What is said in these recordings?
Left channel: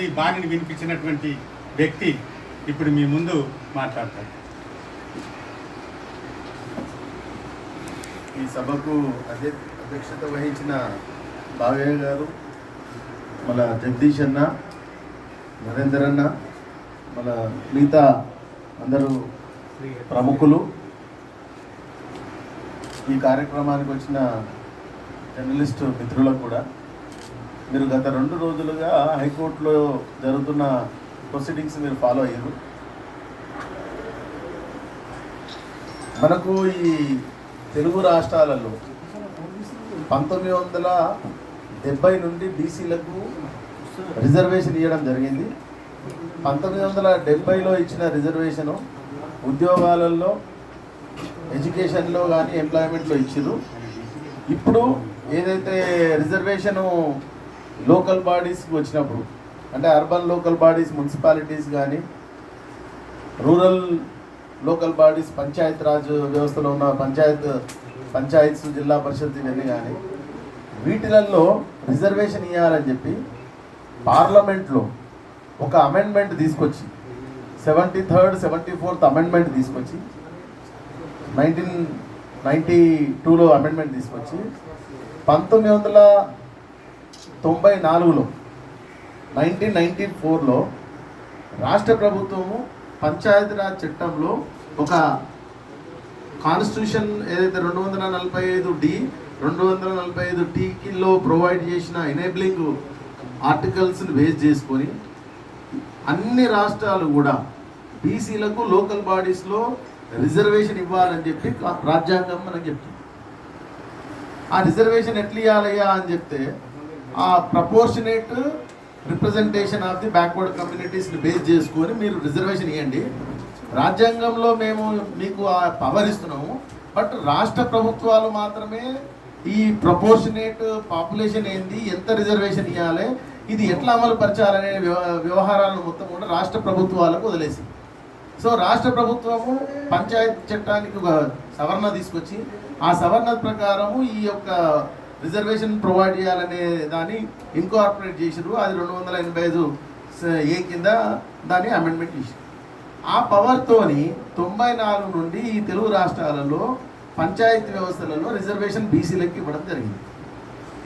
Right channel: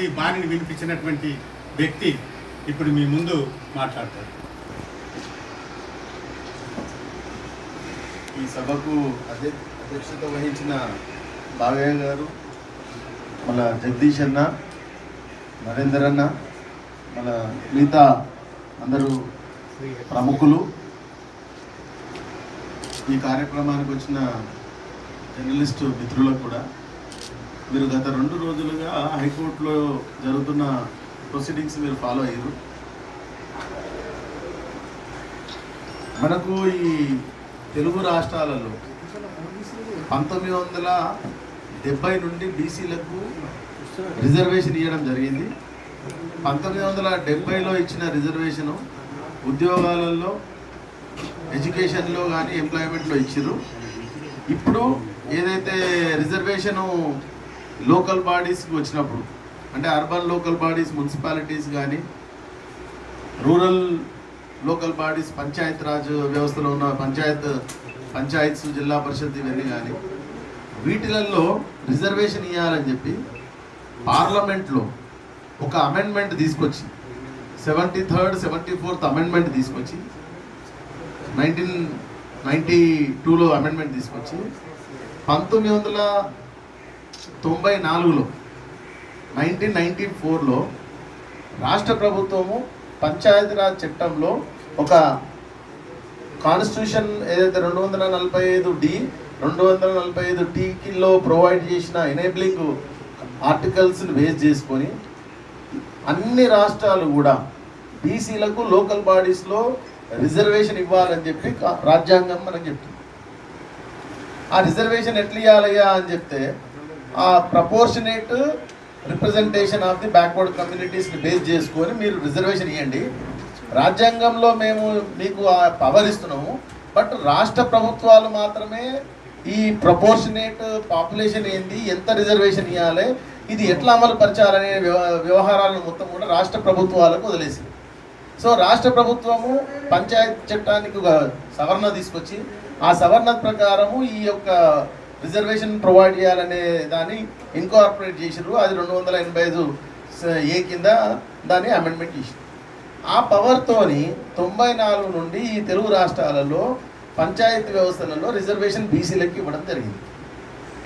నుండి బాణిని వినిపించినటువంటి వ్యక్తి ఇప్పుడు మీ ముందు మాట్లాడతారు. ఈ సభకు అధ్య అధ్యక్షత వహించిన భావ్యం గారు మన జగదీష్ అన్న నరేందర్ అన్న మన మిగతా అందరూ ప్రముఖులు. ఈ కార్యక్రమానికి వచ్చిన జర్నలిస్టు మిత్రులకు కూడా మీరు గత రెండు రోజులుగా హైకోర్టులో జరుగుతున్న ప్రొసీడింగ్స్ మీరు ఫాలో అయ్యారు. మనకు ఈ తెలుగు రాష్ట్రాలలో పంతొమ్మిది వందల డెబ్బై నుండి బీసీలకు రిజర్వేషన్ ఇవ్వడం జరిగింది. పంతొమ్మిది వందల డెబ్బైలో ఇచ్చిన రిజర్వేషను ఉద్యోగాలలో ఎడ్యుకేషన్లో కానీ ఎంప్లాయ్మెంట్లో ఇచ్చారు ఇప్పుడు ఏదైతే రిజర్వేషను లోకల్ బాడీస్కి వచ్చినప్పుడు అంటే అర్బన్ లోకల్ బాడీస్ మున్సిపాలిటీస్ కానీ rural local bodies panchayat raj వ్యవస్థలో ఉన్న పంచాయత్ పంచాయత్స్ జిల్లా పరిషత్ ఇవన్నీ కానీ వీటిలలో రిజర్వేషన్ ఇవ్వాలని చెప్పి పార్లమెంట్లో ఒక అమెండ్మెంట్ తీసుకొచ్చి seventy third seventy fourth amendment తీసుకొచ్చి నైన్టీన్ నైంటీ టూలో అమెండ్మెంట్ తీసుకొచ్చి పంతొమ్మిది వందల తొంభై నాలుగులో నైన్టీన్ నైన్టీ ఫోర్లో రాష్ట్ర ప్రభుత్వము పంచాయతీరాజ్ చట్టంలో ఒక కాన్స్టిట్యూషన్ ఏదైతే రెండు వందల నలభై ఐదు డి రెండు వందల నలభై ఐదు టీకిలో ప్రొవైడ్ చేసిన ఎనేబ్లింగ్ ఆర్టికల్స్ని బేస్ చేసుకొని అన్ని రాష్ట్రాలు కూడా బీసీలకు లోకల్ బాడీస్లో రిజర్వేషన్ ఇవ్వాలని చెప్పి రాజ్యాంగం మనకు చెప్తుంది. ఆ రిజర్వేషన్ ఎట్లా ఇవ్వాలయ్యా అని చెప్తే proportionate representation of the backward కమ్యూనిటీస్ని base చేసుకొని మీరు రిజర్వేషన్ ఇవ్వండి రాజ్యాంగంలో మేము మీకు ఆ పవర్ ఇస్తున్నాము. బట్ రాష్ట్ర ప్రభుత్వాలు మాత్రమే ఈ ప్రపోర్షనేట్ పాపులేషన్ ఏంది ఎంత రిజర్వేషన్ ఇవ్వాలి ఇది ఎట్లా అమలు పరచాలనే వ్యవ- వ్యవహారాలను మొత్తం కూడా రాష్ట్ర ప్రభుత్వాలకు వదిలేసి. సో రాష్ట్ర ప్రభుత్వము పంచాయత్ చట్టానికి ఒక సవరణ తీసుకొచ్చి ఆ సవరణ ప్రకారము ఈ యొక్క రిజర్వేషన్ ప్రొవైడ్ చేయాలనే దాన్ని ఇన్కార్పొరేట్ చేసిర్రు. అది రెండు వందల ఎనభై ఐదు ఏ కింద దాన్ని అమెండ్మెంట్ చేసిరు ఆ పవర్తోని తొంభై నాలుగు నుండి ఈ తెలుగు రాష్ట్రాలలో పంచాయతీ వ్యవస్థలలో రిజర్వేషన్ బీసీలకు ఇవ్వడం జరిగింది.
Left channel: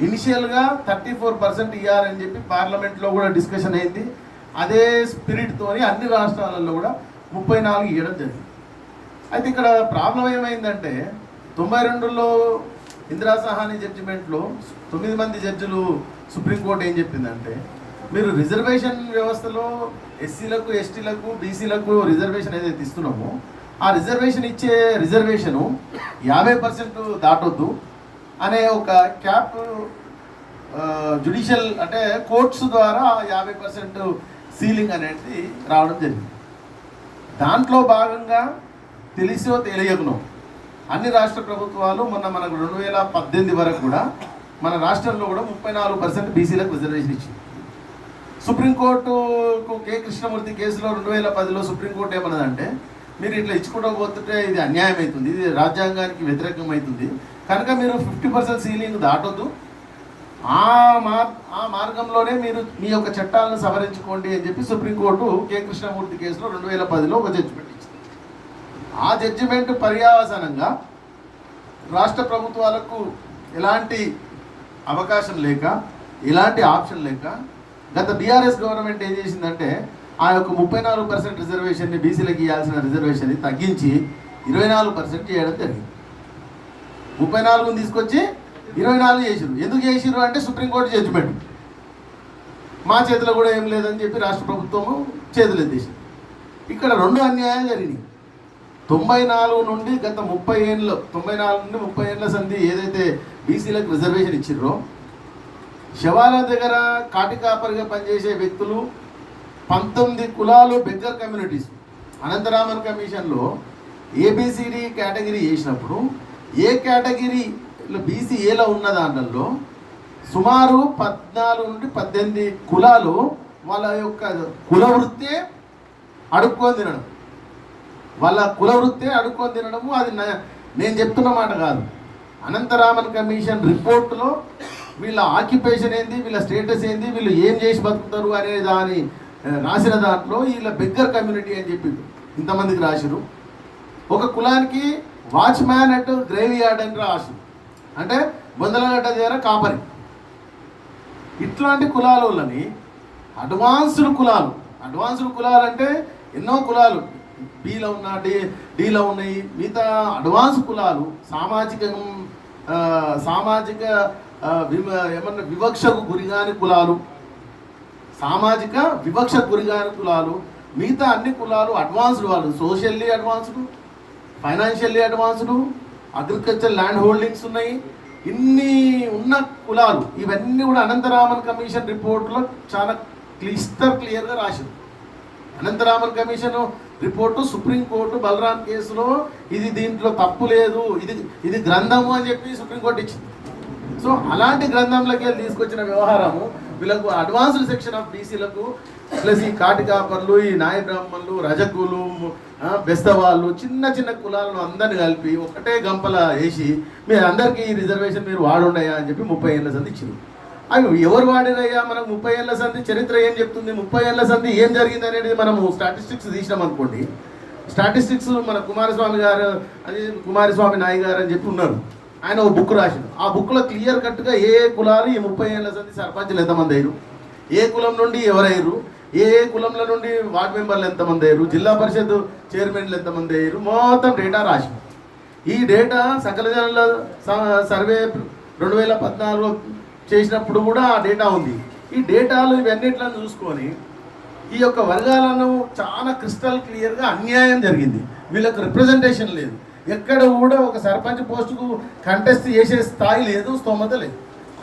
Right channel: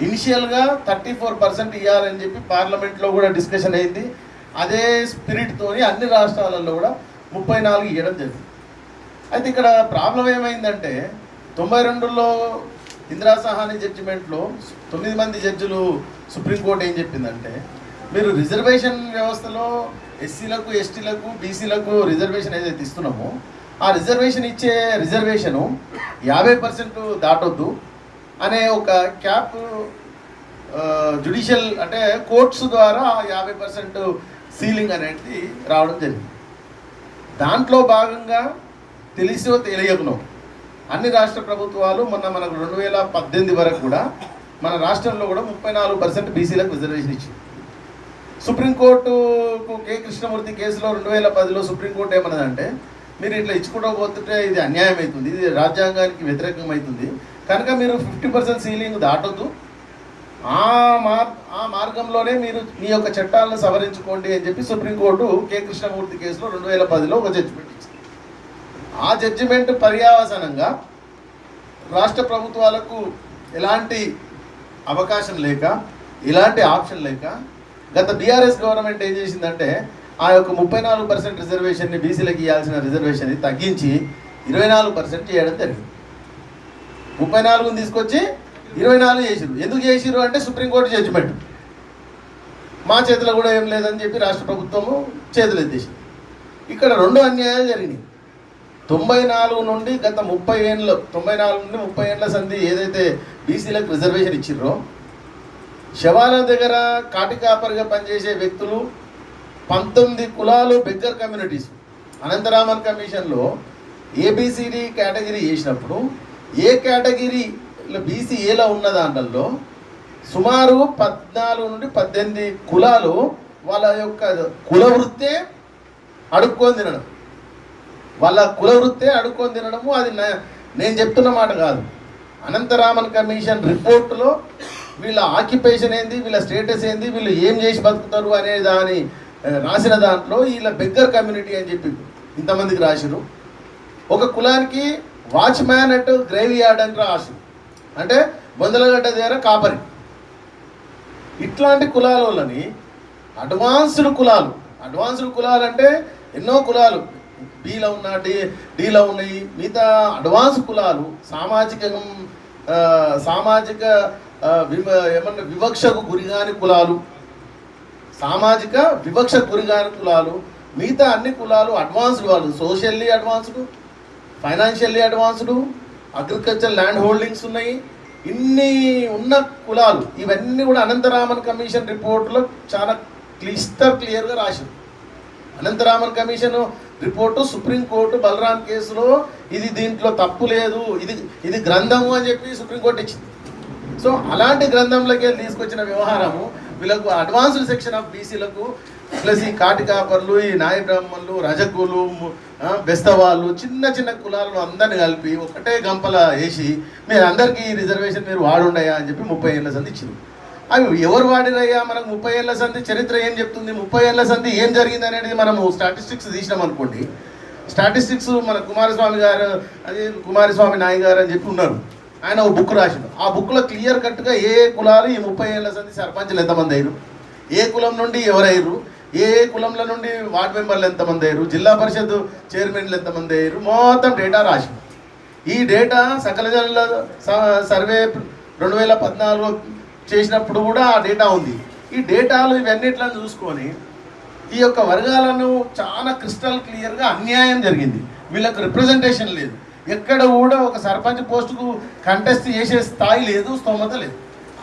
ఇనిషియల్గా థర్టీ ఫోర్ పర్సెంట్ ఇవ్వాలని చెప్పి పార్లమెంట్లో కూడా డిస్కషన్ అయింది. అదే స్పిరిట్తోని అన్ని రాష్ట్రాలలో కూడా ముప్పై నాలుగు ఇవ్వడం జరిగింది. అయితే ఇక్కడ ప్రాబ్లం ఏమైందంటే తొంభై రెండులో ఇందిరా సహాని జడ్జిమెంట్లో తొమ్మిది మంది జడ్జిలు సుప్రీంకోర్టు ఏం చెప్పిందంటే మీరు రిజర్వేషన్ వ్యవస్థలో ఎస్సీలకు ఎస్టీలకు బీసీలకు రిజర్వేషన్ ఏదైతే ఇస్తున్నామో ఆ రిజర్వేషన్ ఇచ్చే రిజర్వేషను యాభై పర్సెంట్ దాటొద్దు అనే ఒక క్యాప్ జుడిషియల్ అంటే కోర్ట్స్ ద్వారా యాభై పర్సెంట్ సీలింగ్ అనేది రావడం జరిగింది. దాంట్లో భాగంగా తెలిసో తెలియకున్నాం అన్ని రాష్ట్ర ప్రభుత్వాలు మొన్న మనకు రెండు వేల పద్దెనిమిది వరకు కూడా మన రాష్ట్రంలో కూడా ముప్పై నాలుగు పర్సెంట్ బీసీలకు రిజర్వేషన్ ఇచ్చింది సుప్రీంకోర్టుకు కే కృష్ణమూర్తి కేసులో రెండు వేల పదిలో సుప్రీంకోర్టు ఏమన్నదంటే మీరు ఇట్లా ఇచ్చుకుంటూ పోతుంటే ఇది అన్యాయం అవుతుంది ఇది రాజ్యాంగానికి వ్యతిరేకం అవుతుంది కనుక మీరు ఫిఫ్టీ పర్సెంట్ సీలింగ్ దాటొద్దు. ఆ మార్ ఆ మార్గంలోనే మీరు మీ యొక్క చట్టాలను సవరించుకోండి అని చెప్పి సుప్రీంకోర్టు కే కృష్ణమూర్తి కేసులో రెండు వేల పదిలో ఒక జడ్జిమెంట్ ఇచ్చింది. ఆ జడ్జిమెంట్ పర్యావసనంగా రాష్ట్ర ప్రభుత్వాలకు ఎలాంటి అవకాశం లేక ఇలాంటి ఆప్షన్ లేక గత బీఆర్ఎస్ గవర్నమెంట్ ఏం చేసిందంటే ఆ యొక్క ముప్పై నాలుగు పర్సెంట్ రిజర్వేషన్ని బీసీలకు ఇవ్వాల్సిన రిజర్వేషన్ని తగ్గించి ఇరవై నాలుగు పర్సెంట్ చేయడం జరిగింది. ముప్పై నాలుగుని తీసుకొచ్చి ఇరవై నాలుగు చేసిరు ఎందుకు చేసిరు అంటే సుప్రీంకోర్టు జడ్జిమెంట్ మా చేతిలో కూడా ఏం లేదని చెప్పి రాష్ట్ర ప్రభుత్వము చేతులు ఎత్తేసింది ఇక్కడ రెండు అన్యాయాలు జరిగినాయి. తొంభై నాలుగు నుండి గత ముప్పై ఏళ్ళ తొంభై నాలుగు నుండి ముప్పై ఏళ్ళ సంధి ఏదైతే బీసీలకు రిజర్వేషన్ ఇచ్చిర్రో శవాల దగ్గర కాటికాపరిగా పనిచేసే వ్యక్తులు పంతొమ్మిది కులాలు బెగ్గర్ కమ్యూనిటీస్. అనంతరామన్ కమిషన్లో ఏబిసిడి కేటగిరీ చేసినప్పుడు ఏ కేటగిరీలో బీసీ ఏలో ఉన్న దాంట్లో సుమారు పద్నాలుగు నుండి పద్దెనిమిది కులాలు వాళ్ళ యొక్క కుల వృత్తే అడుక్కొని తినడం. వాళ్ళ కుల వృత్తే అడుక్కొని తినడము అది నేను చెప్తున్న మాట కాదు. అనంతరామన్ కమిషన్ రిపోర్టులో వీళ్ళ ఆక్యుపేషన్ ఏంది వీళ్ళ స్టేటస్ ఏంది వీళ్ళు ఏం చేసి బతుకుతారు అనే దాని రాసిన దాంట్లో వీళ్ళ బెగ్గర్ కమ్యూనిటీ అని చెప్పి ఇంతమందికి రాసిరు ఒక కులానికి వాచ్మ్యాన్ అట్ గ్రేవీ యార్డ్ అని రాసి అంటే బొందలగడ్డ దగ్గర కాపరి. ఇట్లాంటి కులాలని అడ్వాన్స్డ్ కులాలు అడ్వాన్స్డ్ కులాలు అంటే ఎన్నో కులాలు. బీలో ఉన్న డి డీలో ఉన్నాయి మిగతా అడ్వాన్స్ కులాలు సామాజిక సామాజిక ఏమన్నా వివక్షకు గురిగాని కులాలు సామాజిక వివక్షకు గురిగాని కులాలు మిగతా అన్ని కులాలు అడ్వాన్స్డ్ వాళ్ళు. Socially advanced financially advanced agriculture land holdings ఉన్నాయి. ఇన్ని ఉన్న కులాలు ఇవన్నీ కూడా అనంతరామన్ కమిషన్ రిపోర్ట్లో చాలా క్లిస్టర్ క్లియర్గా రాసింది. Anantharaman commission report supreme court Balaram కేసులో ఇది దీంట్లో తప్పు లేదు ఇది ఇది గ్రంథము అని చెప్పి సుప్రీంకోర్టు ఇచ్చింది. సో అలాంటి గ్రంథంలోకి తీసుకొచ్చిన వ్యవహారము వీళ్ళకు అడ్వాన్స్డ్ సెక్షన్ ఆఫ్ బీసీలకు ప్లస్ ఈ కాటికాపర్లు ఈ నాయ బ్రాహ్మణులు రజకులు బెస్తవాళ్ళు చిన్న చిన్న కులాలను అందరిని కలిపి ఒకటే గంపల వేసి మీరు అందరికీ ఈ రిజర్వేషన్ మీరు వాడుండయా? అని చెప్పి ముప్పై ఏళ్ళ సంది ఇచ్చింది. అవి ఎవరు వాడినయ్యా మనకు ముప్పై ఏళ్ళ సంధి? చరిత్ర ఏం చెప్తుంది? ముప్పై ఏళ్ళ సంధి ఏం జరిగింది అనేది మనము స్టాటిస్టిక్స్ తీసినాం అనుకోండి. స్టాటిస్టిక్స్ మన కుమారస్వామి గారు అది కుమారస్వామి నాయ్ గారు అని చెప్పి ఉన్నారు. ఆయన ఒక బుక్ రాసిండు. ఆ బుక్లో క్లియర్ కట్గా ఏ కులాలు ఈ ముప్పై ఏళ్ళ సంధి సర్పంచ్లు ఎంతమంది అయ్యారు? ఏ కులం నుండి ఎవరయ్యారు ఏ ఏ కులంల నుండి వార్డు మెంబర్లు ఎంతమంది అయ్యారు? జిల్లా పరిషత్ చైర్మన్లు ఎంతమంది అయ్యారు? మొత్తం డేటా రాసిండు. ఈ డేటా సకల జనుల స- సర్వే రెండు వేల పద్నాలుగు చేసినప్పుడు కూడా ఆ డేటా ఉంది. ఈ డేటాలు ఇవన్నిట్లను చూసుకొని ఈ యొక్క వర్గాలను చాలా క్రిస్టల్ క్లియర్గా అన్యాయం జరిగింది. వీళ్ళకి రిప్రజెంటేషన్ లేదు. ఎక్కడ కూడా ఒక సర్పంచ్ పోస్టుకు కంటెస్ట్ చేసే స్థాయి లేదు స్తోమత లేదు.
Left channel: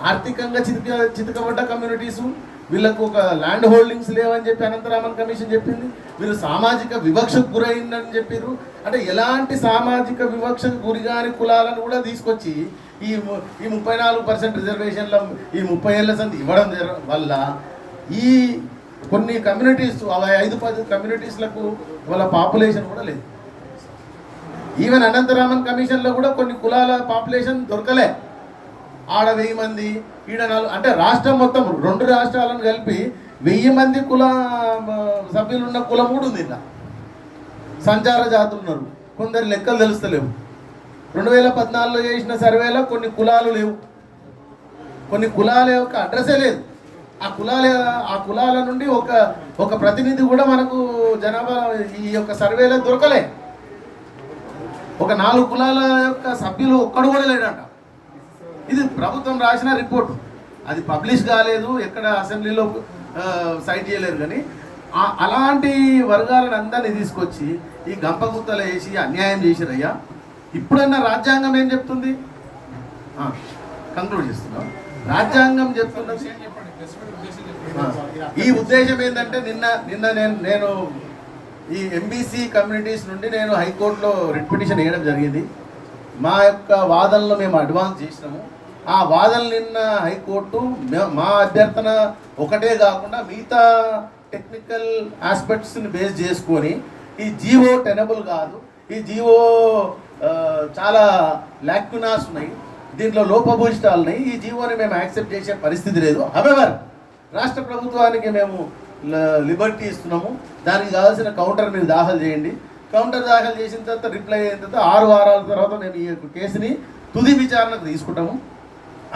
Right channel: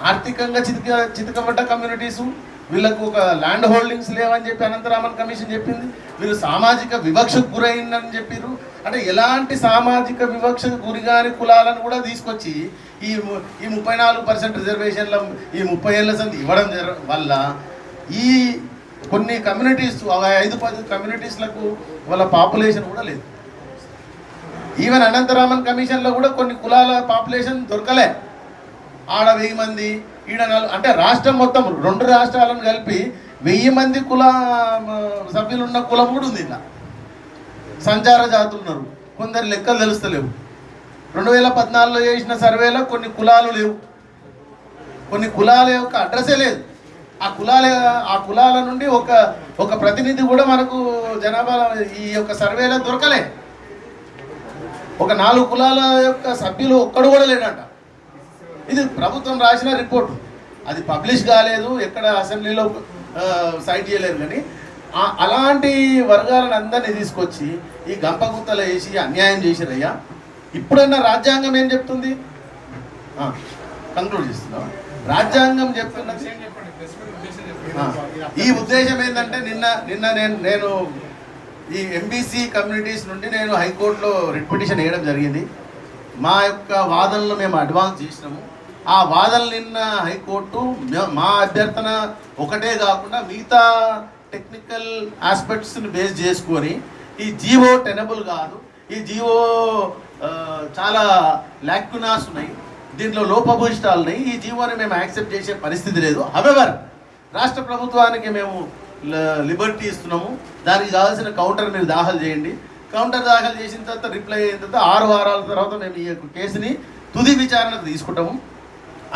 ఆర్థికంగా చితిక చితకబడ్డ కమ్యూనిటీసు వీళ్ళకు ఒక ల్యాండ్ హోల్డింగ్స్ లేవని చెప్పి అనంతరామన్ కమిషన్ చెప్పింది. వీళ్ళు సామాజిక వివక్షకు గురైందని చెప్పారు అంటే ఎలాంటి సామాజిక వివక్షకు గురిగాని కులాలను కూడా తీసుకొచ్చి ఈ ఈ ముప్పై నాలుగు పర్సెంట్ రిజర్వేషన్ల ఈ ముప్పై ఏళ్ళ సంది ఇవ్వడం వల్ల ఈ కొన్ని కమ్యూనిటీస్ ఐదు పది కమ్యూనిటీస్లకు వాళ్ళ పాపులేషన్ కూడా లేదు. ఈవెన్ అనంతరామన్ కమిషన్లో కూడా కొన్ని కులాల పాపులేషన్ దొరకలే. ఆడ వెయ్యి మంది ఈడ అంటే రాష్ట్రం మొత్తం రెండు రాష్ట్రాలను కలిపి వెయ్యి మంది కుల సభ్యులు ఉన్న కులం కూడా ఉంది ఇలా సంచార జాతులు ఉన్నారు. కొందరు లెక్కలు తెలుస్తలేవు. రెండు వేల పద్నాలుగులో చేసిన సర్వేలో కొన్ని కులాలు లేవు. కొన్ని కులాల యొక్క అడ్రస్సే లేదు. ఆ కులాల ఆ కులాల నుండి ఒక ఒక ప్రతినిధి కూడా మనకు జనాభా ఈ యొక్క సర్వేలో దొరకలే. ఒక నాలుగు కులాల యొక్క సభ్యులు ఒక్కడు కూడా లేడంట. ఇది ప్రభుత్వం రాసిన రిపోర్టు. అది పబ్లిష్ కాలేదు ఎక్కడ అసెంబ్లీలో సైట్ చేయలేదు కానీ అలాంటి వర్గాలను అందరినీ తీసుకొచ్చి ఈ గంపగుత్తలు వేసి అన్యాయం చేసిరయ్యా. ఇప్పుడన్నా రాజ్యాంగం ఏం చెప్తుంది? కంక్లూడ్ చేస్తున్నాం. రాజ్యాంగం చెప్తున్నది ఈ ఉద్దేశం ఏంటంటే నిన్న నిన్న నేను నేను ఈ ఎంబీసీ కమ్యూనిటీస్ నుండి నేను హైకోర్టులో రిట్ పిటిషన్ వేయడం జరిగింది. మా యొక్క వాదనలు మేము అడ్వాన్స్ చేసినాము. ఆ వాదనలు నిన్న హైకోర్టు మా అభ్యర్థన ఒకటే కాకుండా మిగతా టెక్నికల్ ఆస్పెక్ట్స్ని బేస్ చేసుకొని ఈ జీవో టెనబుల్ కాదు ఈ జీవో చాలా లాక్యునాస్ ఉన్నాయి. దీంట్లో లోపభూయిష్టాలు ఉన్నాయి ఈ జీవోని మేము యాక్సెప్ట్ చేసే పరిస్థితి లేదు. హవెవర్ రాష్ట్ర ప్రభుత్వానికి మేము లిబర్టీ ఇస్తున్నాము. దానికి కావాల్సిన కౌంటర్ మీరు దాఖలు చేయండి. కౌంటర్ దాఖలు చేసిన తర్వాత రిప్లై అయిన తర్వాత ఆరు వారాల తర్వాత మేము ఈ యొక్క కేసుని తుది విచారణకు తీసుకుంటాము.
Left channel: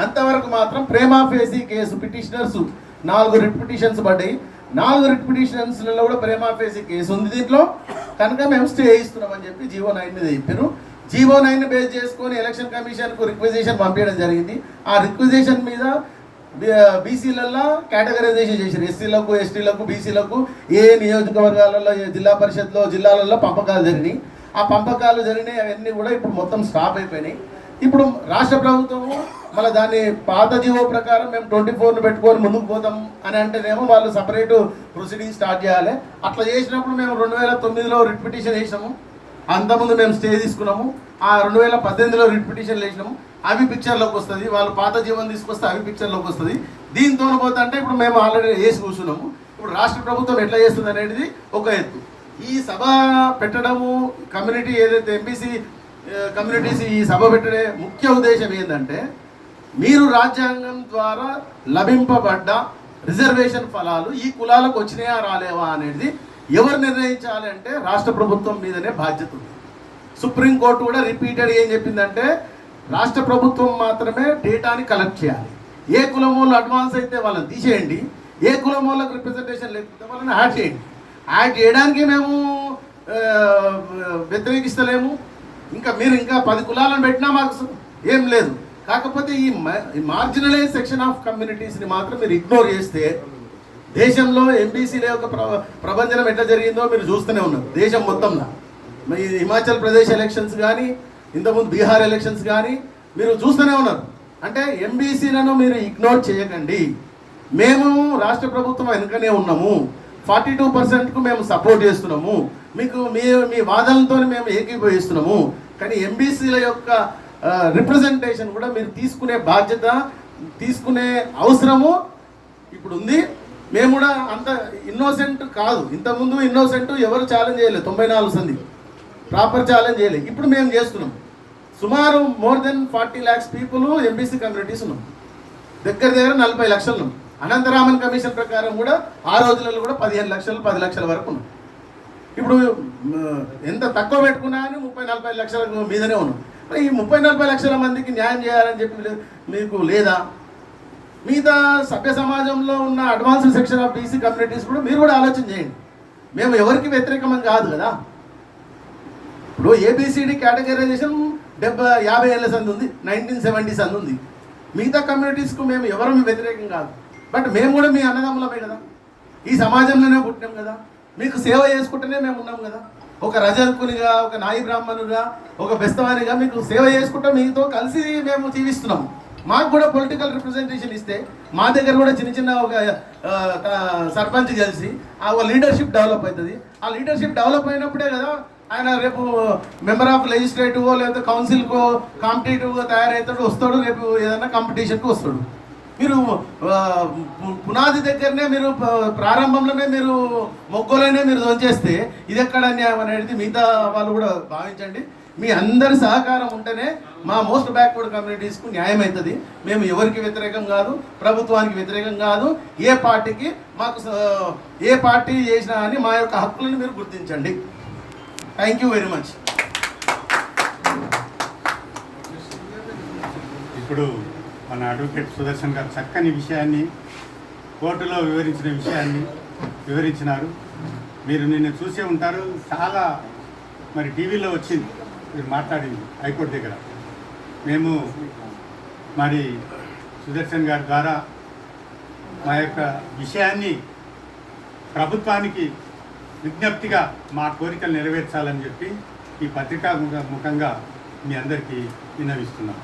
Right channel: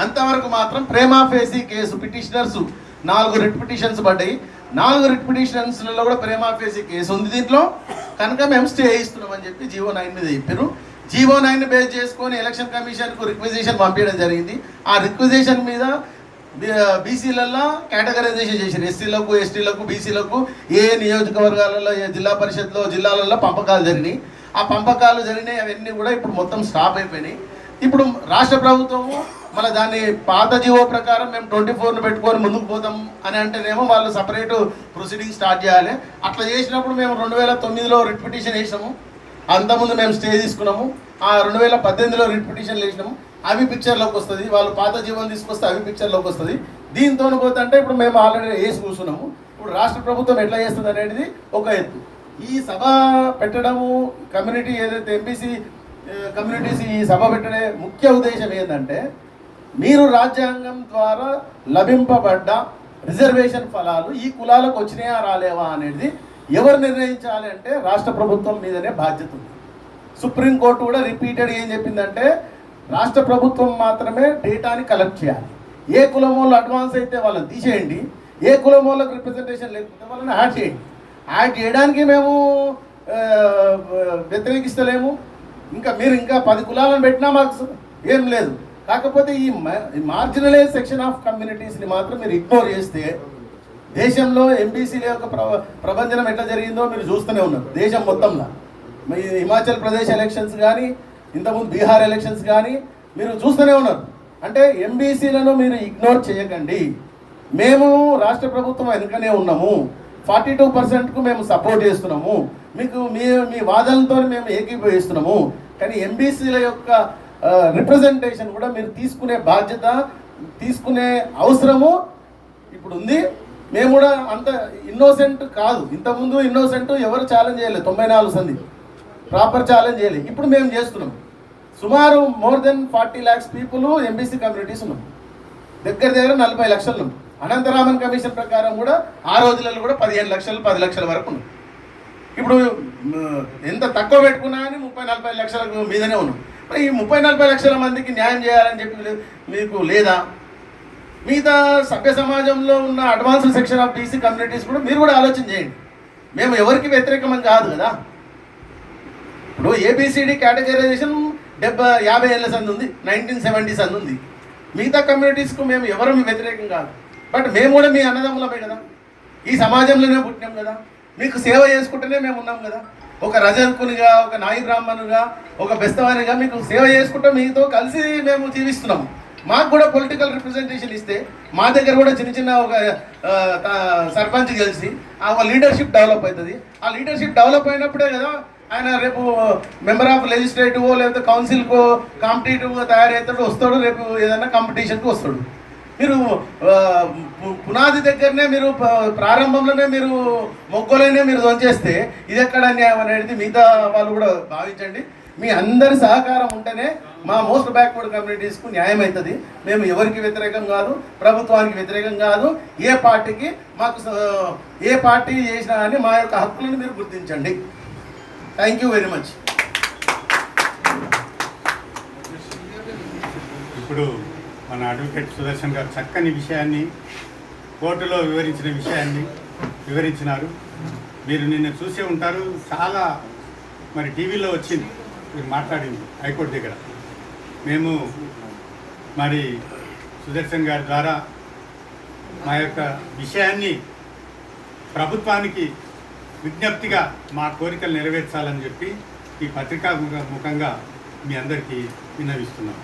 అంతవరకు మాత్రం ప్రేమా ఫేసీ కేసు పిటిషనర్స్ నాలుగు రిట్ పిటిషన్స్ పడ్డాయి. నాలుగు రిట్ పిటిషన్స్లలో కూడా ప్రేమా ఫేసీ కేసు ఉంది దీంట్లో. కనుక మేము స్టే ఇస్తున్నామని చెప్పి జీవో నైన్ మీద చెప్పారు. జీవో నైన్ బేస్ చేసుకొని ఎలక్షన్ కమిషన్కు రిక్వెజిషన్ పంపించడం జరిగింది. ఆ రిక్వెజిషన్ మీద బీసీలలో కేటగరైజేషన్ చేశారు. ఎస్సీలకు ఎస్టీలకు బీసీలకు ఏ నియోజకవర్గాలలో ఏ జిల్లా పరిషత్లో జిల్లాలలో పంపకాలు జరిగినాయి. ఆ పంపకాలు జరిగినాయి అవన్నీ కూడా ఇప్పుడు మొత్తం స్టాప్ అయిపోయినాయి. ఇప్పుడు రాష్ట్ర ప్రభుత్వము మళ్ళీ దాన్ని పాత జీవో ప్రకారం మేము ట్వంటీ ఫోర్ను పెట్టుకొని ముందుకు పోతాం అని అంటేనేమో వాళ్ళు సపరేట్ ప్రొసీడింగ్ స్టార్ట్ చేయాలి. అట్లా చేసినప్పుడు మేము రెండు వేల తొమ్మిదిలో రిట్ పిటిషన్ వేసినాము. అంతకుముందు మేము స్టే తీసుకున్నాము. ఆ రెండు వేల పద్దెనిమిదిలో రిట్ వేసినాము అవి పిక్చర్లోకి వస్తుంది. వాళ్ళు పాత జీవనం తీసుకొస్తే అవి పిక్చర్లోకి వస్తుంది. దీంతో పోతే అంటే ఇప్పుడు మేము ఆల్రెడీ వేసి కూర్చున్నాము. ఇప్పుడు రాష్ట్ర ప్రభుత్వం ఎట్లా చేస్తుంది అనేది ఒక ఎత్తు. ఈ సభ పెట్టడము కమ్యూనిటీ ఏదైతే ఎంపీసీ కమ్యూనిటీస్ ఈ సభ పెట్టడే ముఖ్య ఉద్దేశం ఏంటంటే మీరు రాజ్యాంగం ద్వారా లభింపబడ్డ రిజర్వేషన్ ఫలాలు ఈ కులాలకు వచ్చినాయా రాలేవా అనేది ఎవరు నిర్ణయించాలి అంటే రాష్ట్ర ప్రభుత్వం మీదనే బాధ్యత ఉంది. సుప్రీంకోర్టు కూడా రిపీటెడ్ ఏం చెప్పిందంటే రాష్ట్ర ప్రభుత్వం మాత్రమే డేటాని కలెక్ట్ చేయాలి. ఏ కులం వాళ్ళు అడ్వాన్స్ అయితే వాళ్ళని తీసేయండి ఏ కులం వాళ్ళకి రిప్రజెంటేషన్ లేకపోతే వాళ్ళని యాడ్ చేయండి. యాడ్ చేయడానికి మేము వ్యతిరేకిస్తలేము. ఇంకా మీరు ఇంకా పది కులాలను పెట్టినా మాకు ఏం లేదు. కాకపోతే ఈ మార్జినలైజ్ సెక్షన్ ఆఫ్ కమ్యూనిటీస్ని మాత్రం మీరు ఇగ్నోర్ చేస్తే దేశంలో ఎంబీసీల యొక్క ప్ర- ఎట్లా జరిగిందో మీరు చూస్తూనే ఉన్నారు. దేశం మొత్తంలో. మీ హిమాచల్ ప్రదేశ్ ఎలక్షన్స్ కానీ ఇంతకుముందు బీహార్ ఎలక్షన్స్ కానీ మీరు చూస్తూనే ఉన్నారు. అంటే ఎంబీసీలను మీరు ఇగ్నోర్ చేయకండి. మేము రాష్ట్ర ప్రభుత్వం వెనుకనే ఉన్నాము. ఫార్టీ టూ పర్సెంట్కు మేము సపోర్ట్ చేస్తున్నాము. మీకు మీ మీ వాదనలతో మేము ఏకీభవిస్తున్నాము. కానీ ఎంబీసీల యొక్క రిప్రజెంటేషన్ కూడా మీరు తీసుకునే బాధ్యత తీసుకునే అవసరము ఇప్పుడు ఉంది మేము కూడా అంత ఇన్నోసెంట్ కాదు. ఇంతకుముందు ఇన్నోసెంట్ ఎవరు ఛాలెంజ్ చేయలేదు. తొంభై నాలుగు సంధి ప్రాపర్ ఛాలెంజ్ చేయలేదు. ఇప్పుడు మేము చేస్తున్నాం. సుమారు more than forty lakhs people MBC communities ఉన్నాం. దగ్గర దగ్గర నలభై లక్షలు ఉన్నాం. అనంతరామన్ కమిషన్ ప్రకారం కూడా ఆ రోజులలో కూడా పదిహేను లక్షలు పది లక్షల వరకు ఉంది ఇప్పుడు ఎంత తక్కువ పెట్టుకున్నా కానీ ముప్పై నలభై లక్షల మీదనే ఉన్నాం. ఈ ముప్పై నలభై లక్షల మందికి న్యాయం చేయాలని చెప్పి మీకు లేదా? మిగతా సభ్య సమాజంలో ఉన్న advance section of BC communities కూడా మీరు కూడా ఆలోచన చేయండి. మేము ఎవరికి వ్యతిరేకమని కాదు కదా. ఇప్పుడు ఏబిసిడి కేటగరైజేషన్ డెబ్బై యాభై ఏళ్ళ సంది ఉంది నైన్టీన్ సెవెంటీస్ అంది ఉంది. మిగతా కమ్యూనిటీస్కు మేము ఎవరు వ్యతిరేకం కాదు. బట్ మేము కూడా మీ అన్నదమ్ములమే కదా. ఈ సమాజంలోనే పుట్టినాం కదా. మీకు సేవ చేసుకుంటూనే మేము ఉన్నాం కదా. ఒక రజకునిగా ఒక నాయి బ్రాహ్మణుగా ఒక బెస్తవానిగా మీకు సేవ చేసుకుంటూ మీతో కలిసి మేము జీవిస్తున్నాము. మాకు కూడా పొలిటికల్ రిప్రజెంటేషన్ ఇస్తే మా దగ్గర కూడా చిన్న చిన్న ఒక సర్పంచ్ కలిసి ఆ లీడర్షిప్ డెవలప్ అవుతుంది. ఆ లీడర్షిప్ డెవలప్ అయినప్పుడే కదా ఆయన రేపు మెంబర్ ఆఫ్ లెజిస్లేటివ్ లేకపోతే కౌన్సిల్కో కాంపిటేటివ్గా తయారవుతాడు వస్తాడు రేపు ఏదైనా కాంపిటీషన్కి వస్తాడు. మీరు పునాది దగ్గరనే మీరు ప్రారంభంలోనే మీరు మొక్కలైనా మీరు దొంచేస్తే ఇది ఎక్కడ న్యాయం అనేది మిగతా వాళ్ళు కూడా భావించండి. మీ అందరి సహకారం ఉంటేనే మా మోస్ట్ బ్యాక్వర్డ్ కమ్యూనిటీస్కు న్యాయం అవుతుంది. మేము ఎవరికి వ్యతిరేకం కాదు ప్రభుత్వానికి వ్యతిరేకం కాదు. ఏ పార్టీకి మాకు ఏ పార్టీ చేసినా కానీ మా యొక్క హక్కులను మీరు గుర్తించండి. థ్యాంక్ యూ వెరీ మచ్ ఇప్పుడు మన అడ్వకేట్ సుదర్శన్ గారు చక్కని విషయాన్ని కోర్టులో వివరించిన విషయాన్ని వివరించినారు. మీరు నిన్న చూసే ఉంటారు. చాలా మరి టీవీలో వచ్చింది. మీరు మాట్లాడింది హైకోర్టు దగ్గర. మేము మరి సుదర్శన్ గారి ద్వారా మా యొక్క విషయాన్ని ప్రభుత్వానికి విజ్ఞప్తిగా మా కోరికలు నెరవేర్చాలని చెప్పి ఈ పత్రికా ముఖంగా మీ అందరికీ విన్నవిస్తున్నాం.